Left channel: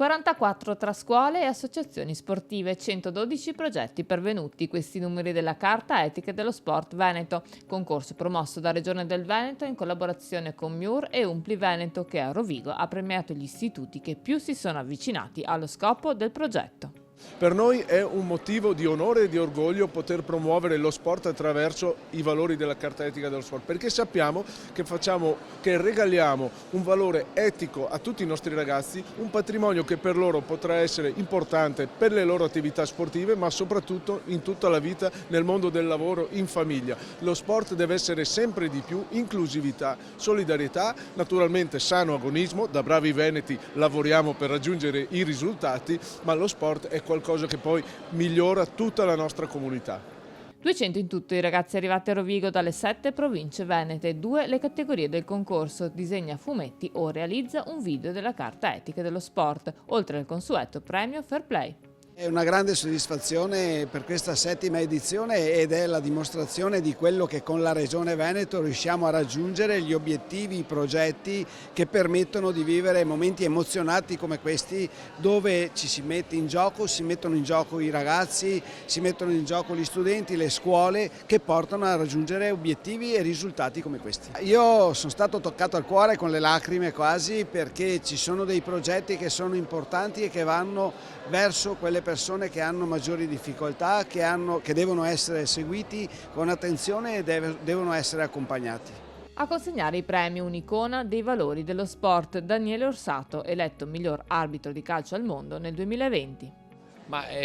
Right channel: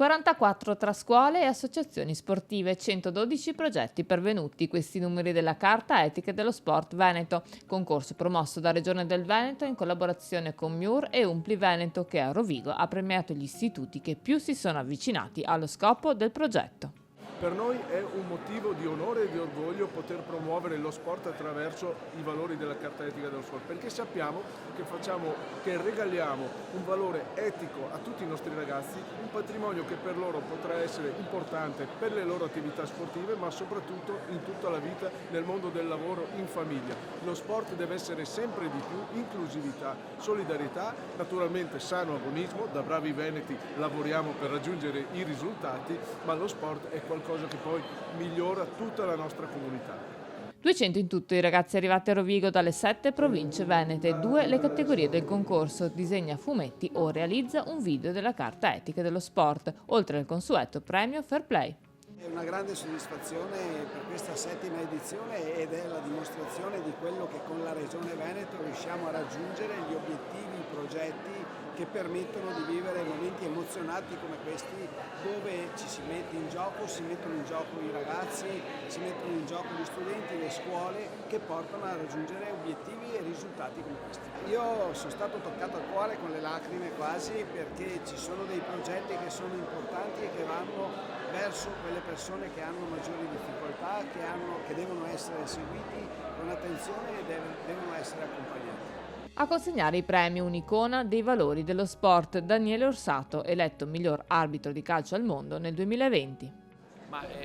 44 tra scuole e associazioni sportive, 112 progetti pervenuti, questi i numeri della Carta Etica dello Sport Veneto, concorso promosso da Regione del Veneto in collaborazione con MIUR e Umpli Veneto, che a Rovigo ha premiato gli istituti che più si sono avvicinati allo scopo del progetto. Per noi è un motivo di onore e di orgoglio poter promuovere lo sport attraverso i valori della Carta Etica dello Sport, perché sappiamo che regaliamo un valore etico a tutti i nostri ragazzi, un patrimonio che per loro potrà essere importante per le loro attività sportive, ma soprattutto in tutta la vita nel mondo del lavoro, in famiglia. Lo sport deve essere sempre di più inclusività, solidarietà, naturalmente sano agonismo, da bravi veneti lavoriamo per raggiungere i risultati, ma lo sport è qualcosa che poi migliora tutta la nostra comunità. 200 in tutto i ragazzi arrivati a Rovigo dalle 7 province venete, 2 le categorie del concorso, disegna fumetti o realizza un video della Carta Etica dello Sport, oltre al consueto premio Fair Play. È una grande soddisfazione per questa 7ª edizione ed è la dimostrazione di quello che con la Regione Veneto riusciamo a raggiungere, gli obiettivi, i progetti che permettono di vivere momenti emozionanti come questi, dove si mettono in gioco i ragazzi, si mettono in gioco gli studenti, le scuole, che portano a raggiungere obiettivi e risultati come questi. Io sono stato toccato al cuore con le lacrime quasi, perché ci sono dei progetti che sono importanti e che vanno verso quelle persone che hanno maggiori difficoltà, che devono essere seguiti con attenzione e devono essere accompagnati. A consegnare i premi un'icona dei valori dello sport, Daniele Orsato, eletto miglior arbitro di calcio al mondo nel 2020.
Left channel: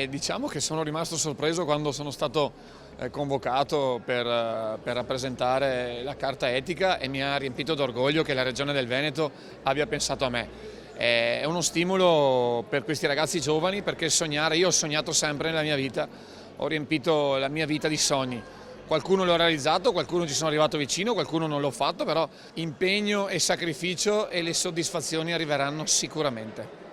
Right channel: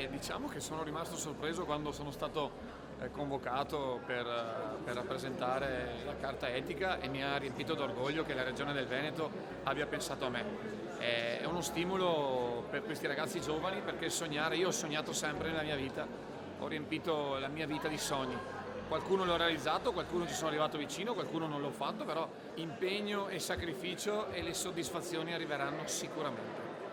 Diciamo che sono rimasto sorpreso quando sono stato convocato per rappresentare la Carta Etica e mi ha riempito d'orgoglio che la Regione del Veneto abbia pensato a me. È uno stimolo per questi ragazzi giovani, perché sognare, io ho sognato sempre nella mia vita, ho riempito la mia vita di sogni. Qualcuno l'ho realizzato, qualcuno ci sono arrivato vicino, qualcuno non l'ho fatto, però impegno e sacrificio e le soddisfazioni arriveranno sicuramente.